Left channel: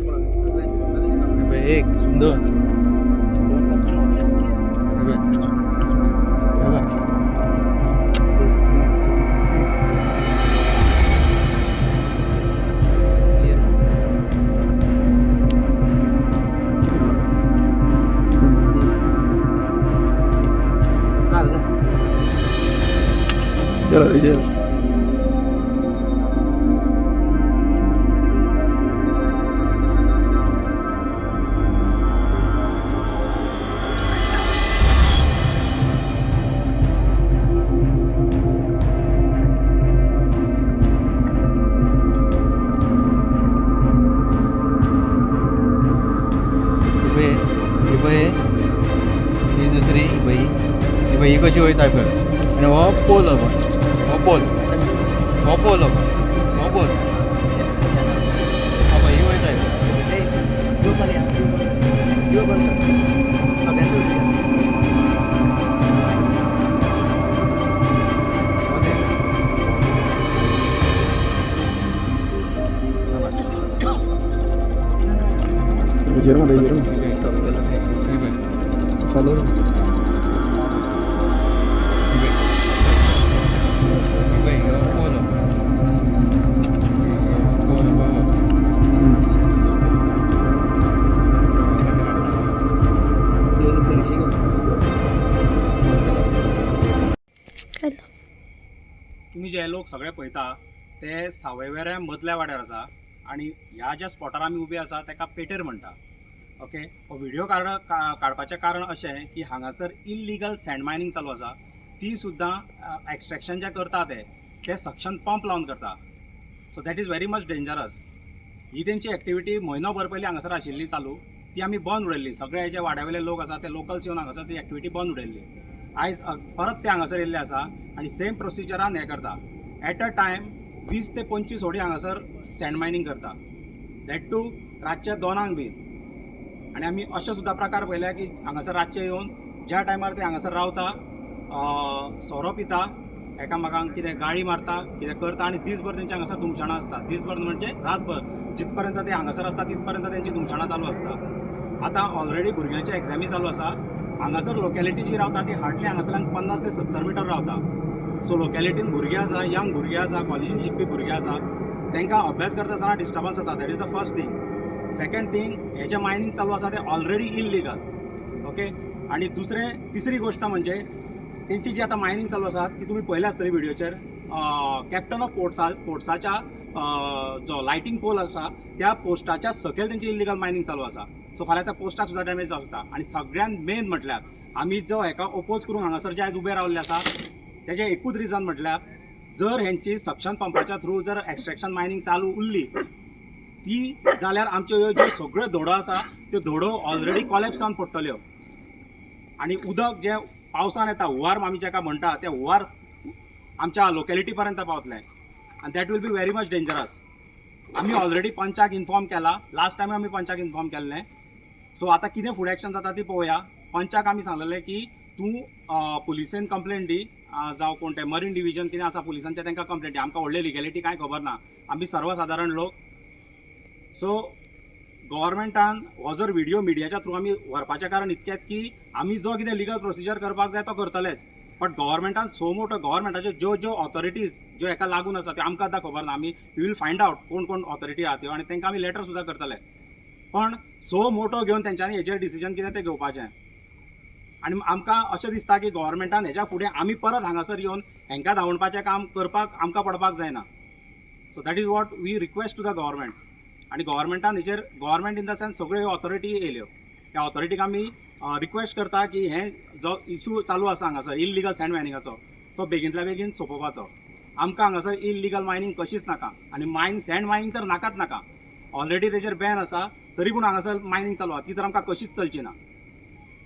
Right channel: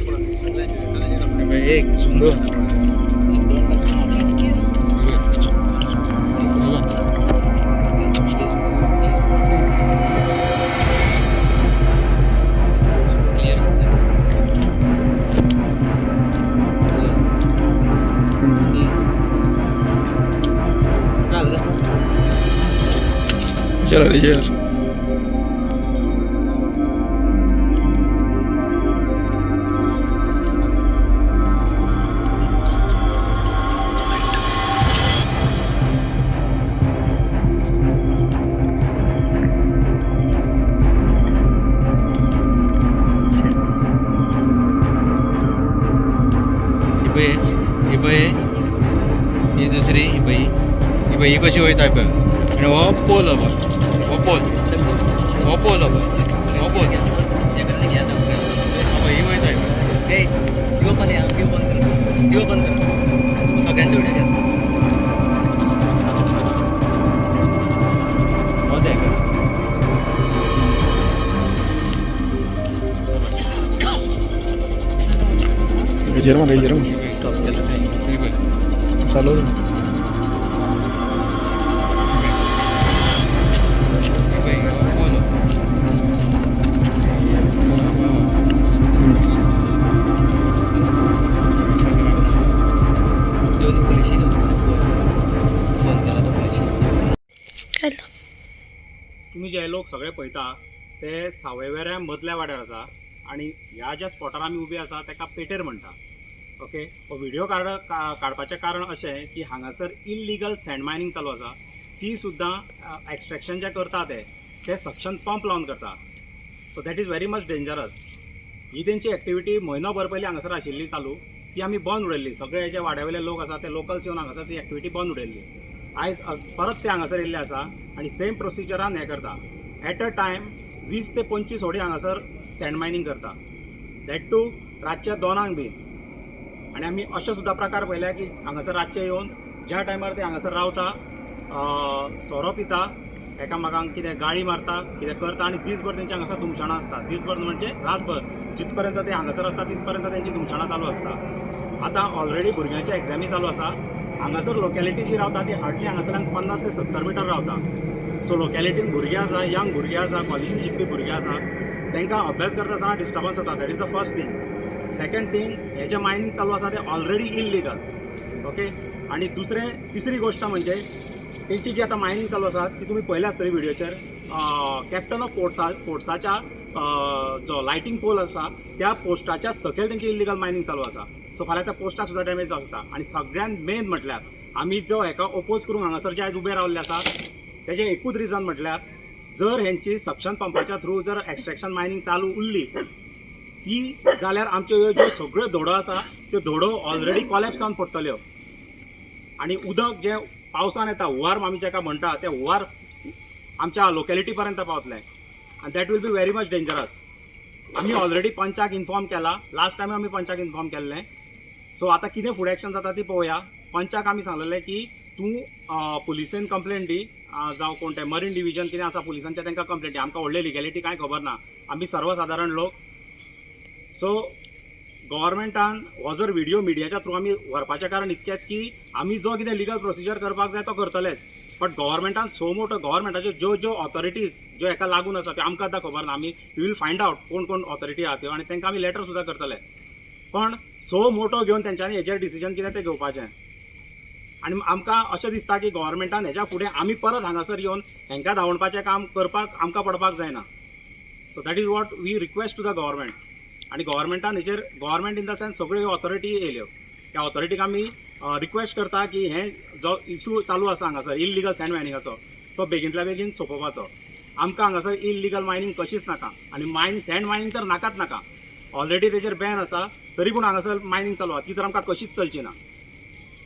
एक सुंदर चलो लीजिए ही दुसरी ही कशी वयता पळय आनी हो पोल हो पोल ही वयता Jerman Salud. तुम्ही जे लोक सगळे पळयता ते सावयवेऱ्या मदल्या वाड्यार आसा आणि ह्या ज्या स्पॉटार आमी उबे आसा ताका पेटेर म्हणटा. ओके, हो व्हिडिओ काडपाचें कारण अशें की हांगासर इल्लिगल सँड मायनिंग चालू आसा. ती सुद्दां एक्सट्रॅक्शन जे करता ते सक्शन पंप लावन करता. So that is very much dangerous. ही तेंची एक्टिविटी म्हयनोभर पयलीं हांगासर आशिल्ली चालू, ती आमी बंद उडयल्ली. सगळे जे वाड्यावयले लोक आसा ते लोकल्स येवन हांगासर ती एक्टिविटी बंद उडयल्ली. आयज परत ते हांगासर येयल्ले आसा आनी सेम प्रोसिजरान हें करता. एट अ टायम 20 ते 25 होडी हांगासर सँड मायनिंग करता, दॅट टू रातच्या 2 बी. आणि आमी अशे सुद्दां प्रकार पळयले की हांगासर रातचे येवन ज्या टायमार ते हांगासर रावता, सोरो पिता, एकामेकांक कितें गाळी मारता, कितें करता आनी दीसभर तेंची हांगासर धुमशाणां आसता. दीसभर म्हणजे रातभर जितपर्यंत ते हांगासर आसता तितपर्यंत तेंची धुमशाणां चालू आसता. आतां ऑलरेडी भुरग्यांची एग्जामी चालू आसा. हांगासर लोकॅलिटी जी रावता ती हार्डली हांगासरल्यान 50 ते 70 मिटर रावता. सो लोकॅलिटीन भुरगीं आसा, यंग भुरगीं आसा, कॉलेजीन शिकपी भुरगीं आसा, तांकां अभ्यास करता आसतना डिस्टर्बन्स जाता. That is the first thing. Second thing, हे जे मायनिंग चालू आसा ते ऑलरेडी इल्लिगल. ओके, आणि तिसरी गोष्ट म्हणजे तेंची जी आतां मायनिंग चालू आसा ती तुमी पळयल्या आसतली व्हिडिओचेर. कॅप्टन ऑफ पोर्ट्साच्या जो लायटींग पोल आसा त्या पोस्टाच्या सकयल तेंची इल्लिगल मायनिंग चालू आसा. सो फाल्यां त्या पोस्टाक सुद्दां डॅमेज जावं शकता. आनी सगळ्यात मेन म्हटल्यार आमी जो हेका ओपोज करून हांगासर जे आयज उबे रावल्ले आसा तेजें एकूच रिजन म्हटल्यार जर हेंची सक्शन पंपाच्या थ्रू जर एक्सट्रॅक्शन मायनिंग चालू उरली ती जाल्यार आमच्यो ज्यो सगळ्यो धोडो आसा त्यो धोडो ऑलरेडी कॉलॅप्स जावन पडटल्यो. आनी उदक जें पावसान येता, हुंवार आमी जाका म्हणटा, तें हुंवार आमच्या लोकॅलिटी पर्यंत पावतलें आनी that will be very much dangerous. आमी ऑलरेडी पंचाक इन्फॉर्म केला. लास्ट टायम आमी पंचाक इन्फॉर्म केल्लें. सो आतां कितें फुडें एक्शन जाता ती पळोवया. पंचाक आमी सांगलेलें की तूं पुलिसेन कंप्लेंट दी, जावं कोण तें मरीन डिविजन कितें आसा पुलिसांचें तांकां कंप्लेंट दी. आमकां व्हडली लिगॅलिटी कांय खबर ना, आमी सर्वसाधारण लोक. सो गव्हर्मेंटान हो जर व्हिडिओ मिडियाच्या थ्रू आमी व्हरपाचें कारण इतकेंच की आमी जो कितें लिगल प्रोसिजर करपाक जाय तो करतलेच. बट गव्हर्मेंटान सो मोठो गव्हर्मेंटाच्यो ज्यो ऑथॉरिटीज ज्यो हेका लागून आसा त्यो आमकां आतां खबर ना. आमी वील फायंड आउट कोण ऑथॉरिटी आहा त्यो आनी तांकां आमी लेटर सुद्दां करतले. पण सो मोठो घेवन तेंच्यांनी हेजेर डिसिजन कितें तें घेवपाचें. आनी आमकां अशें दिसता की गव्हर्मेंटान हेच्या फुडें आमी परत हांगासर येवन हेंकां धांवणपाचें काम करपाक आमकां पडपाक जायना. So that is what we request to the government. आणि गव्हर्मेंटान हेचेर गव्हर्मेंट इन द सेन्स सगळ्यो ऑथॉरिटी येयल्यो. त्या ऑथॉरिटीक आमी रिक्वेस्ट करता की हे जो इशू चालू आसा हांगासर इल्लिगल सँड मायनिंगाचो तो बेगींतल्या बेगीन सोंपोवपाचो. आमकां हांगासर इल्लिगल मायनिंग कशीच नाका आनी सँड मायनिंग तर नाकाच नाका. ऑलरेडी तेचेर बॅन आसा तरी पूण हांगासर मायनिंग चालू आसा ती तर आमकां कशीच चलची ना.